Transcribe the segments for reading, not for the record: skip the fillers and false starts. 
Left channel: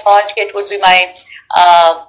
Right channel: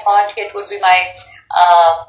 thought it would be my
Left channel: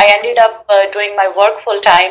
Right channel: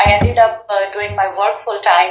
I ended up doing my work full-time,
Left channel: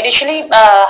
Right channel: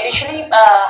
Initially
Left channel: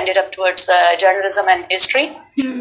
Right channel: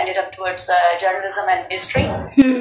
ended up towards journalism and history।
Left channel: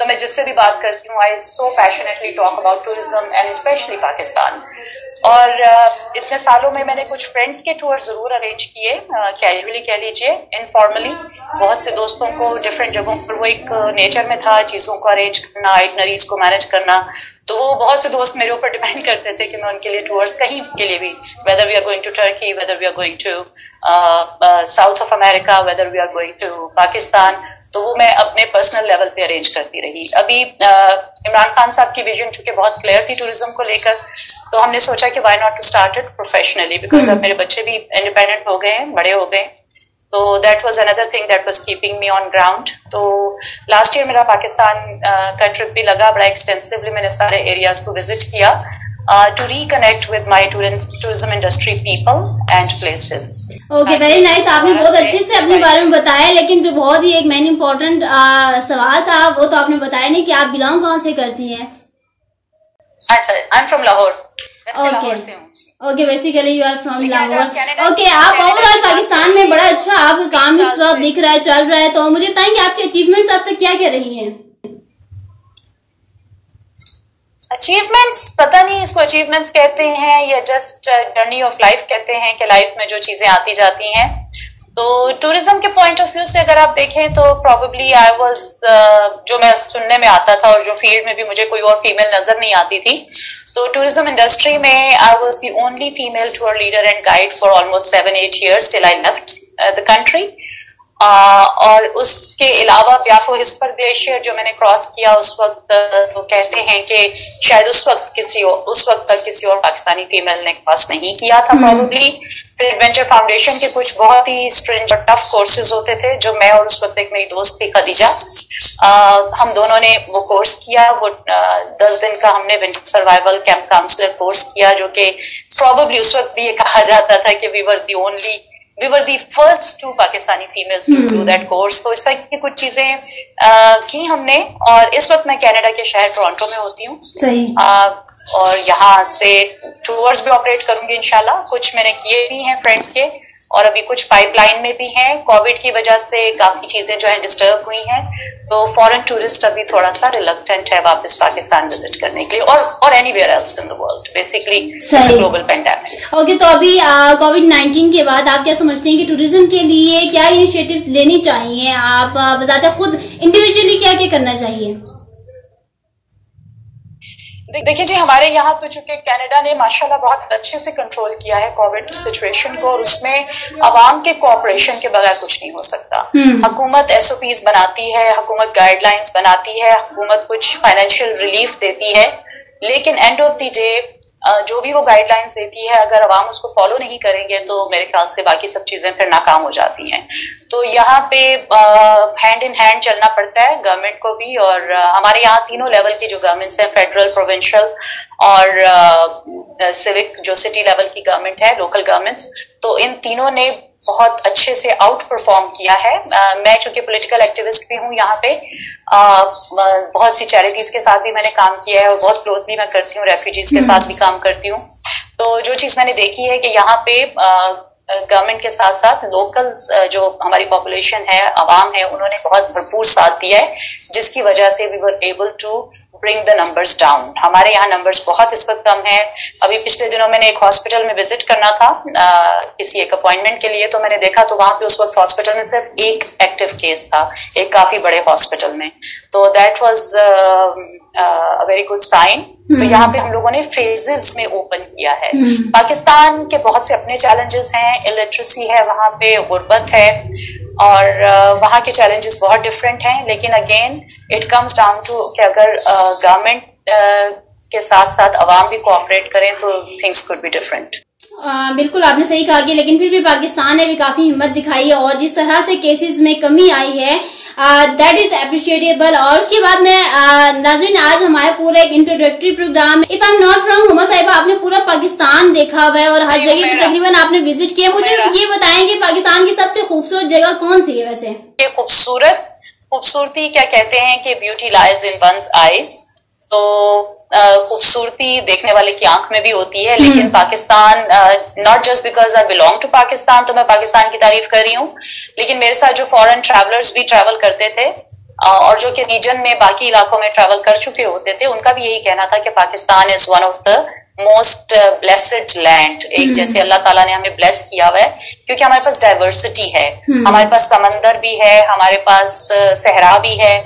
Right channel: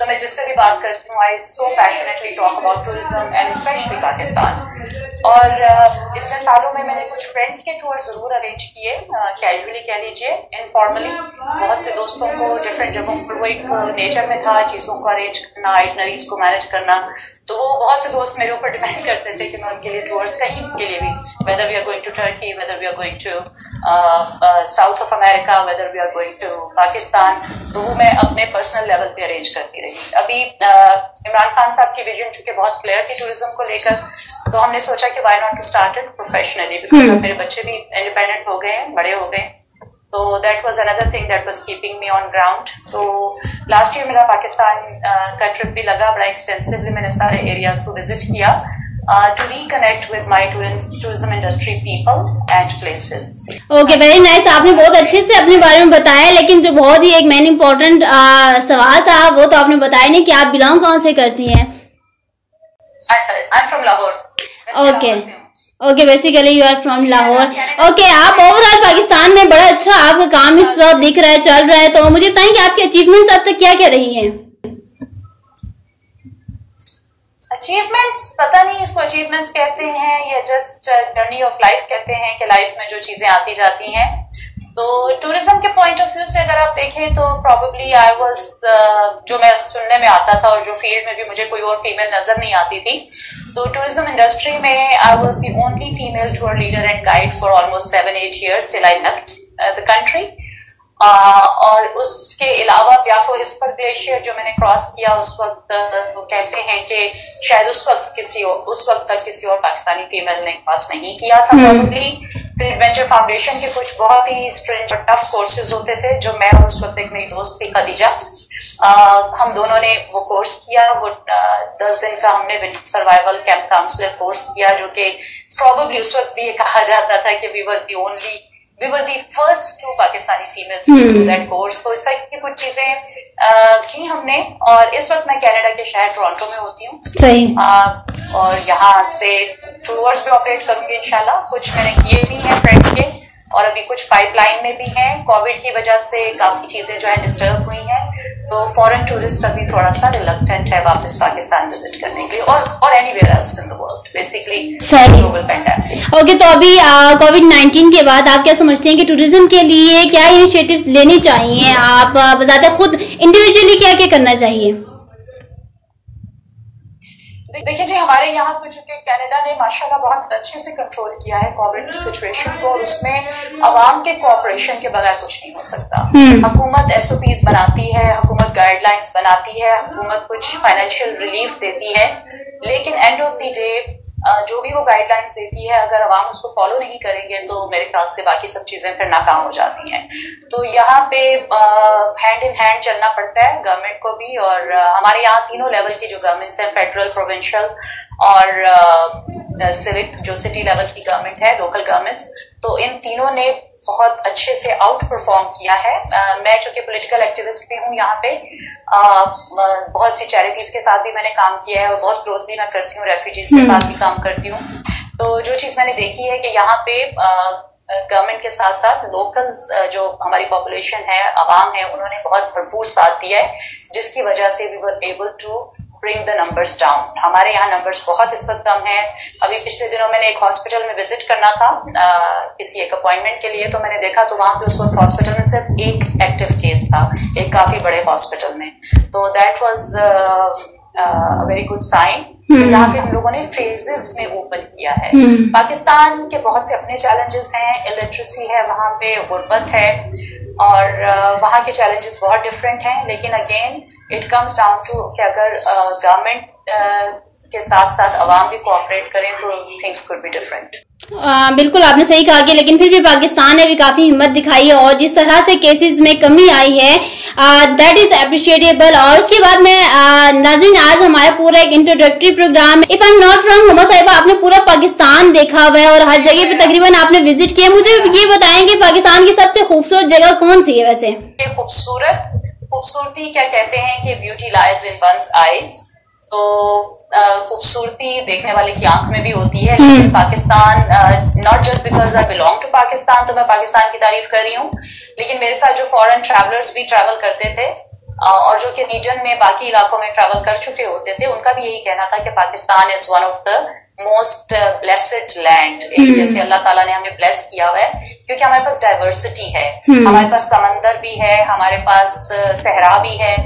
تو میں جس سے بھی بات کرتی ہوں I so passionately talk about tourism and specially Pakistan. اور اتنے سالوں میں نے کچھ فرینڈس کے ٹور ضرور ارینج کیے, کیجولی کہہ لیجیے, انفارملی. بہت سے دوستوں کو ڈفرینٹ جگہوں پر وہ ایک نیچر میں تھا چیزوں کو ارینج کرنا, آئٹنریز کو مینیج کرنا. تو وہ بہت سے دوست میرے اوپر ڈیپینڈ کرتے تھے کہ میں ان کے لیے ٹورس کہیں کے لیے بھی, whether we are going to Turkey, whether we are going to south of America, whether we are going to Pakistan, تو وہ میں اپنے پرسنل لیول پہ ارینج کرتی رہی. ابھی عمران خان صاحب کی ویژن چونکہ بہت کلیئر تھی ٹوریزم کو لے کر, تو ہم نے سوچا کہ why not to start it professionally, because اب میرے بچے بھی انڈیپینڈنٹ ہو گئے ہیں, بڑے ہو گئے. تو that was another thing that was keeping me on ground. تو لاسٹ ایئر میرا پاکستان کا ٹرپ بھی لگا بڑا ایکسٹینسولی, میں نے سارے ایریاز کو وزٹ کیا to reconnect with my tourism industry people and places. Okay, very nice. آپ نے بہت اچھے سے اپنے بارے میں بتایا, لیکن جو بہت ہی ایک مین امپورٹنٹ سوال تھا وہ تو آپ نے بتایا نہیں کہ آپ بلانگ کہاں سے کرتی ہیں. اچھا, I'm from Lahore. Okay, basically you are from Lahore. Okay, آپ اوور آل پاکستان میں بڑا اچھا آپ کا کام اس وقت دکھ رہا ہے, چل رہا ہے. تو مجھے بتائیں کہ آپ کے اچیومنٹس اب تک کیا کیا رہی ہیں؟ اچیومنٹس پتہ نہیں اس کو اچیومنٹس کہتے ہیں یا جسٹ جرنی آف لائف کہتے ہیں, کہ لائف میں جو چیزیں آتی جاتی ہیں. تو ٹورزم کے پوائنٹ آف ویو سے اگر آپ دیکھیں تو پرابیبلی آئی واز, جو میں سننے میں آتا تھا اور جو فیلڈ میں بھی مجھے کوئی اور فیمیل نظر نہیں آتی تھی, تو ٹورزم انڈسٹری میں I was the only female tour leader and guide for almost 7-8 years till I left the country. اور اس کے علاوہ بیافو ہسپر گلیشیئر جو میں نے کراس کیا اس وقت, تو کہتے ہیں کہ شاید اس وقت تک کسی اور پاکستانی فیمیل نے کراس نہیں کیا تھا پروبلی. ایڈونچر فاؤنڈیشن کے کچھ بہت ہی اسٹرینج اور ٹف کورسز ہوتے تھے جو میں اور اس وقت ایک میری دوست تھی خدیجہ, ہم دونوں نے وہ کورس کیا. وہ 10 دن کا ہم نے winter survival camp counsellor course کیا, جو کہ پروبلی اس وقت بھی یہ کہا جاتا تھا کہ we were the first 2 Pakistani females to do that course. تو اس طرح کی کچھ چیزیں کی ہم نے. اور اس وقت میں کینیڈا کے شہر ٹورانٹو میں ہوتی ہوں, اور یہاں سے ٹورز بھی آپریٹ کروں گی انشاءاللہ. کچھ میں نے کیے بھی ہیں فرینڈس کے, اور ابھی کچھ پائپ لائن میں بھی ہیں. کووڈ کی وجہ سے کافی چیزیں جو ہیں ڈسٹرب ہوئی ہیں, تو فورن ٹورسٹ ابھی تھوڑا سا ریلکٹنٹ ہے واپس پاکستان وزٹ کرنے کے لیے, اور anywhere else in the world, basically global pandemic. Okay, تو ابھی کووڈ-19 کے بعد آپ کیا سمجھتے ہیں کہ ٹورزم کے لیے کیا انیشیٹوز لینے چاہیے؟ آپ بذات خود انڈیویجولی کیا کیا کرنا چاہیے؟ دیکھیے جی, ہمارے یہاں تو چونکہ کینیڈا نے ماشاءاللہ بہت اچھے سے کنٹرول کیا ہے کووڈ سچویشن کو, اور اس میں عوام کے کوآپریشن کے بغیر کچھ نہیں ہو سکتا. حکومت SOPs بناتی ہے, حکومت گائیڈ لائنس بناتی ہے, حکومت کچھ فائنینشیل ریلیف دیتی ہے, لیکن اینڈ آف دی ڈے جو بھی وہ گائیڈ لائنس دیتی ہے اگر عوام اس کو فالو نہیں کریں گے تو میرے خیال سے باقی سب چیزیں پھر ناکام ہو جاتی ہیں. تو یہاں پہ ہینڈ ان ہینڈ چلنا پڑتا ہے گورنمنٹ کو بھی, اور ہمارے یہاں تینوں لیول کی جو گورنمنٹس ہیں, فیڈرل, پروونشل اور سیوک جو سٹی لیول کی گورنمنٹ ہے, لوکل گورنمنٹس, تو ان تینوں نے بہت اچھے سے آؤٹ پرفارم کیا ہے. میں چونکہ پولیٹیکل ایکٹیوسٹ بھی ہوں یہاں پہ, بہت سی چیریٹیز کے ساتھ بھی میں نے کام کیا ہے, اور بہت کلوزلی میں کرتی ہوں, ریفیوجیز کے ساتھ بھی کام کرتی ہوں. تو جو چیز میں نے دیکھی ہے کہ یہاں پہ گورنمنٹ کے ساتھ ساتھ لوکلز جو ہماری پاپولیشن ہے, عوام ہے, انہوں نے بہت بھرپور ساتھ دیا ہے, جس کی وجہ سے we were able to bring the numbers down. ہمارے یہاں نمبرز بہت اس وقت کم ہیں. ابھی پچھلے دنوں میں نے ایک ہاسپٹل میں وزٹ کرنا تھا کسی ایک اپوائنٹمنٹ کے لیے, تو میں نے دیکھا تو وہاں پہ اس وقت ہاسپٹل میں صرف ایک ایکٹیو کیس تھا, ایک کافی بڑے ہاسپٹل میں. تو that was very good sign. تو یہاں پہ ہم لوگوں نے فیزز میں اوپن کیا ہے. پاکستان کے بہت سے اپنے چیلنجز ہیں, الٹریسی ہے وہاں پہ, غربت ہے, اور وہاں کے چیلنجز بہت ڈفرینٹ ہیں. لیکن again it comes down to کہ اگر گورنمنٹ کے ساتھ ساتھ عوام بھی کوآپریٹ کریں تو تھنگس کوڈ بی ڈفرینٹ. بالکل آپ نے صحیح کہا کہ لیکن پھر بھی پاکستان نے بھی کافی ہمت دکھائی ہے, اور جس طرح سے کیسز میں کمی آئی ہے دیٹ از اپریشیٹیبل. اور اس کے بعد میں ناظرین, آج ہمارا پورا ایک introductory program, if I am not wrong Huma صاحبہ, آپ نے پورا پاکستان دیکھا ہوا ہے اور ہر جگہ پہ تقریباً آپ نے وزٹ کیا. مجھے یہ بتائیں کہ پاکستان کی سب سے خوبصورت جگہ کون سی ہے ویسے؟ خوبصورتی کیا کہتے ہیں کہ beauty lies in one's eyes. تو خوبصورتی دیکھنے والے کی آنکھ میں بھی ہوتی ہے, لیکن Pakistan, not just because I belong to Pakistan تو میں پاکستان کی تعریف کر رہی ہوں, لیکن میرے ساتھ جو فورن ٹریولرز بھی ٹریول کرتے تھے اور جو کہ ریجن میں باقی علاقوں میں ٹریول کر چکے ہوتے تھے ان کا بھی یہی کہنا تھا کہ Pakistan is one of the most blessed land. ایک جیسے اللہ تعالیٰ نے ہمیں بلیس کیا ہوا ہے کیونکہ ہمارے پاس ڈائیورسٹی ہے, ہمارے پاس سمندر بھی ہے, ہمارے پاس صحرا بھی ہے,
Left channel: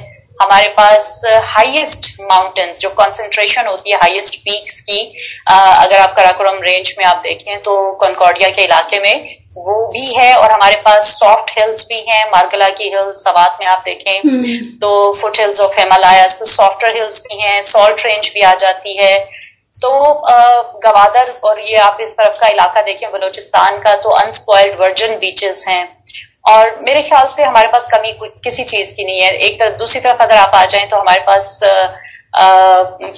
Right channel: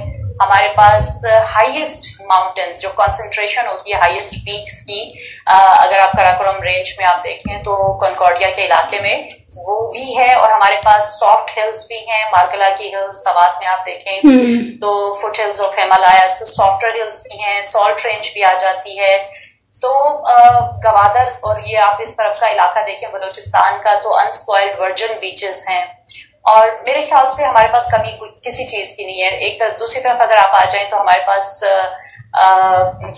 ہمارے پاس ہائیسٹ ماؤنٹینس جو کنسنٹریشن ہوتی ہے ہائیسٹ پیکس کی, اگر آپ کراکورم رینج میں آپ دیکھیں تو کنکارڈیا کے علاقے میں وہ بھی ہے, اور ہمارے پاس سافٹ ہلز بھی ہیں, مارکلا کی ہلز سوات میں آپ دیکھیں تو فٹ ہلز آف ہمالیاز, تو سافٹر ہلز بھی ہیں, سالٹ رینج بھی آ جاتی ہے. تو گوادر اور یہ آپ اس طرف کا علاقہ دیکھیں بلوچستان کا تو انسپوائلڈ ورجن بیچز ہیں, اور میرے خیال سے ہمارے پاس کمی کسی چیز کی نہیں ہے. ایک طرف دوسری طرف اگر آپ آ جائیں تو ہمارے پاس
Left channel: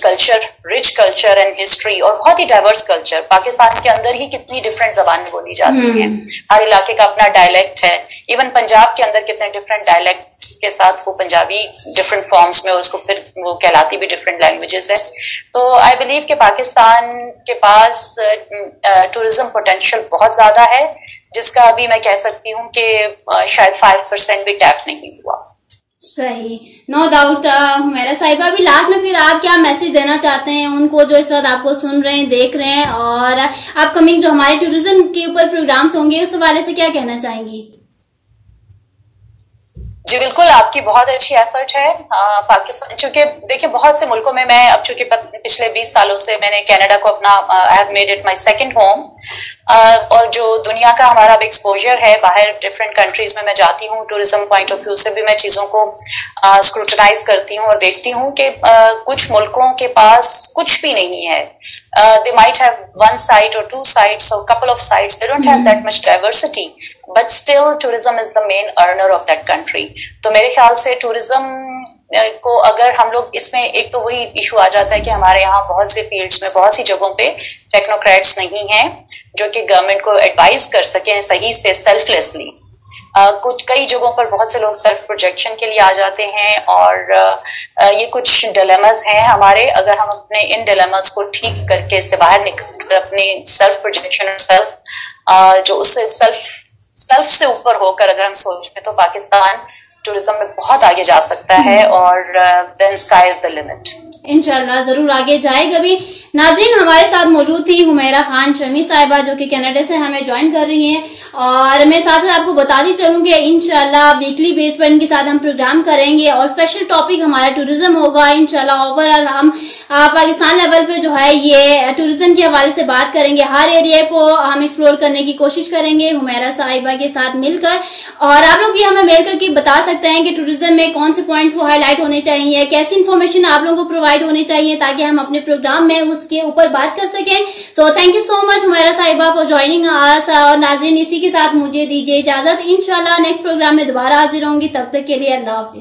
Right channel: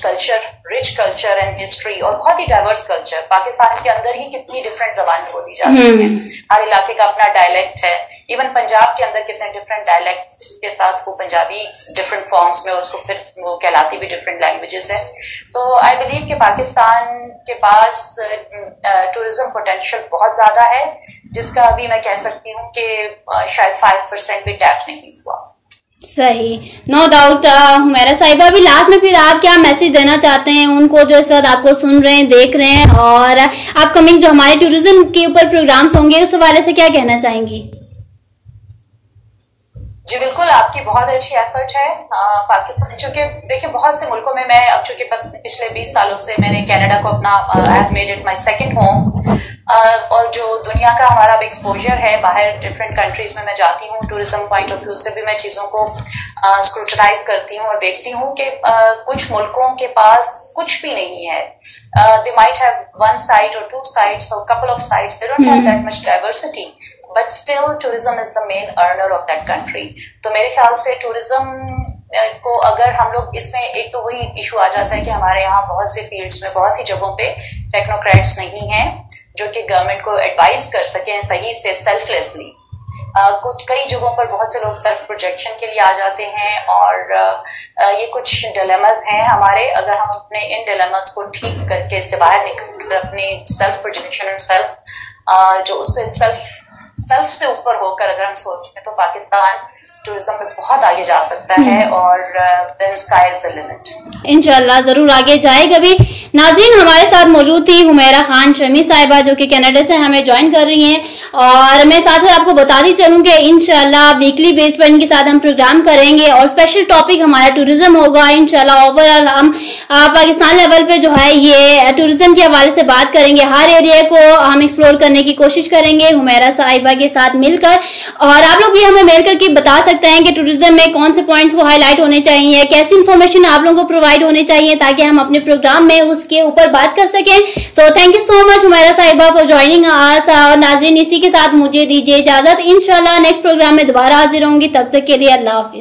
culture, rich culture and history اور بہت ہی ڈائیورس کلچر. پاکستان کے اندر ہی کتنی ڈفرینٹ زبانیں بولی جاتی ہیں, ہر علاقے کا اپنا ڈائلیکٹ ہے. ایون پنجاب کے اندر کتنے ڈفرینٹ ڈائلیکٹس کے ساتھ وہ پنجابی ڈفرینٹ فارمس میں, اور اس کو پھر وہ کہلاتی بھی ڈفرینٹ لینگویجز ہے. تو آئی بلیو کہ پاکستان کے پاس ٹورزم پوٹینشیل بہت زیادہ ہے, جس کا ابھی میں کہہ سکتی ہوں کہ شاید 5% بھی ٹیپ نہیں ہوا. صحیح, نو ڈاؤٹ. حمیرہ صاحبہ بھی لاسٹ میں پھر آپ کیا میسج دینا چاہتے ہیں ان کو جو اس وقت آپ کو سن رہے ہیں, دیکھ رہے ہیں, اور آپ کمنگ جو ہمارے ٹورزم کے اوپر پروگرامز ہوں گے اس حوالے سے کیا کہنا چاہیں گی؟ جی بالکل, آپ کی بہت اچھی ایفرٹ ہے. پاکستان چونکہ دیکھیں بہت سے ملکوں میں اب چونکہ پچھلے 20 سالوں سے میں نے کینیڈا کو اپنا I have made it my second home, اور جو دنیا کا ہمارا اب ایکسپوجر ہے باہر ڈفرینٹ کنٹریز میں جاتی ہوں, ٹورزم پوائنٹ آف ویو سے بھی میں چیزوں کو اسکروٹنائز کرتی ہوں اور دیکھتی ہوں کہ کچھ ملکوں کے پاس کچھ بھی نہیں ہے. They might have one site or two sites or couple of sites. They don't have that much diversity. But still tourism is the main earner of that country. تو میرے خیال سے ٹورزم کو اگر ہم لوگ اس میں, ایک تو وہی ایشو آ جاتا ہے کہ ہمارے یہاں بہت سے فیلڈز میں بہت سی جگہوں پہ ٹیکنوکریٹس نہیں ہیں جو کہ گورنمنٹ کو ایڈوائز کر سکیں صحیح سے سیلف لیسلی. کچھ کئی جگہوں پر بہت سے لوگ سیلف پروجیکشن کے لیے آ جاتے ہیں, اور یہ کچھ ڈیلیماز ہیں ہمارے. اگر ہم اپنے ان ڈیلیماز کو ٹھیک کر کے اس سے باہر نکل کر اپنی سیلف پروجیکشن اور سیلف جو اس سے سیلف سے اوپر ہو کر اگر ہم سوچیں تو پاکستان ٹورزم میں بہت آگے جا سکتا ہے, اور then sky is the limit. انشاءاللہ ضرور آگے جائے گا بھی. ناظرین, ہمارے ساتھ موجود تھی حمیرہ خان شمی صاحبہ جو کہ کینیڈا سے ہمیں جوائن کر رہی ہیں, اور میں ساتھ ساتھ آپ کو بتاتی چلوں کہ انشاءاللہ ویکلی بیس پر ان کے ساتھ ہم پروگرام کریں گے, اور اسپیشل ٹاپک ہمارا ٹورزم ہوگا. انشاءاللہ اوور آل ہم پاکستان لیول پہ جو ہے یہ ٹورزم کے حوالے سے بات کریں گے, ہر ایریا کو ہم ایکسپلور کرنے کی کوشش کریں گے حمیرہ صاحبہ کے ساتھ مل کر. اور آپ لوگ بھی ہمیں میل کر کے بتا سکتے ہیں کہ ٹورزم میں کون سے پوائنٹس کو ہائی لائٹ ہونے چاہیے, کیسی انفارمیشن آپ لوگوں کو پرووائڈ ہونے چاہیے تاکہ ہم اپنے پروگرام میں اس کے اوپر بات کر سکیں. سو تھینک یو سو مچ حمیرہ صاحبہ فار جوائننگ اس, اور ناظرین اسی کے ساتھ مجھے دیجیے اجازت. انشاءاللہ نیکسٹ پروگرام میں دوبارہ حاضر ہوں گی, تب تک کے لیے اللہ حافظ.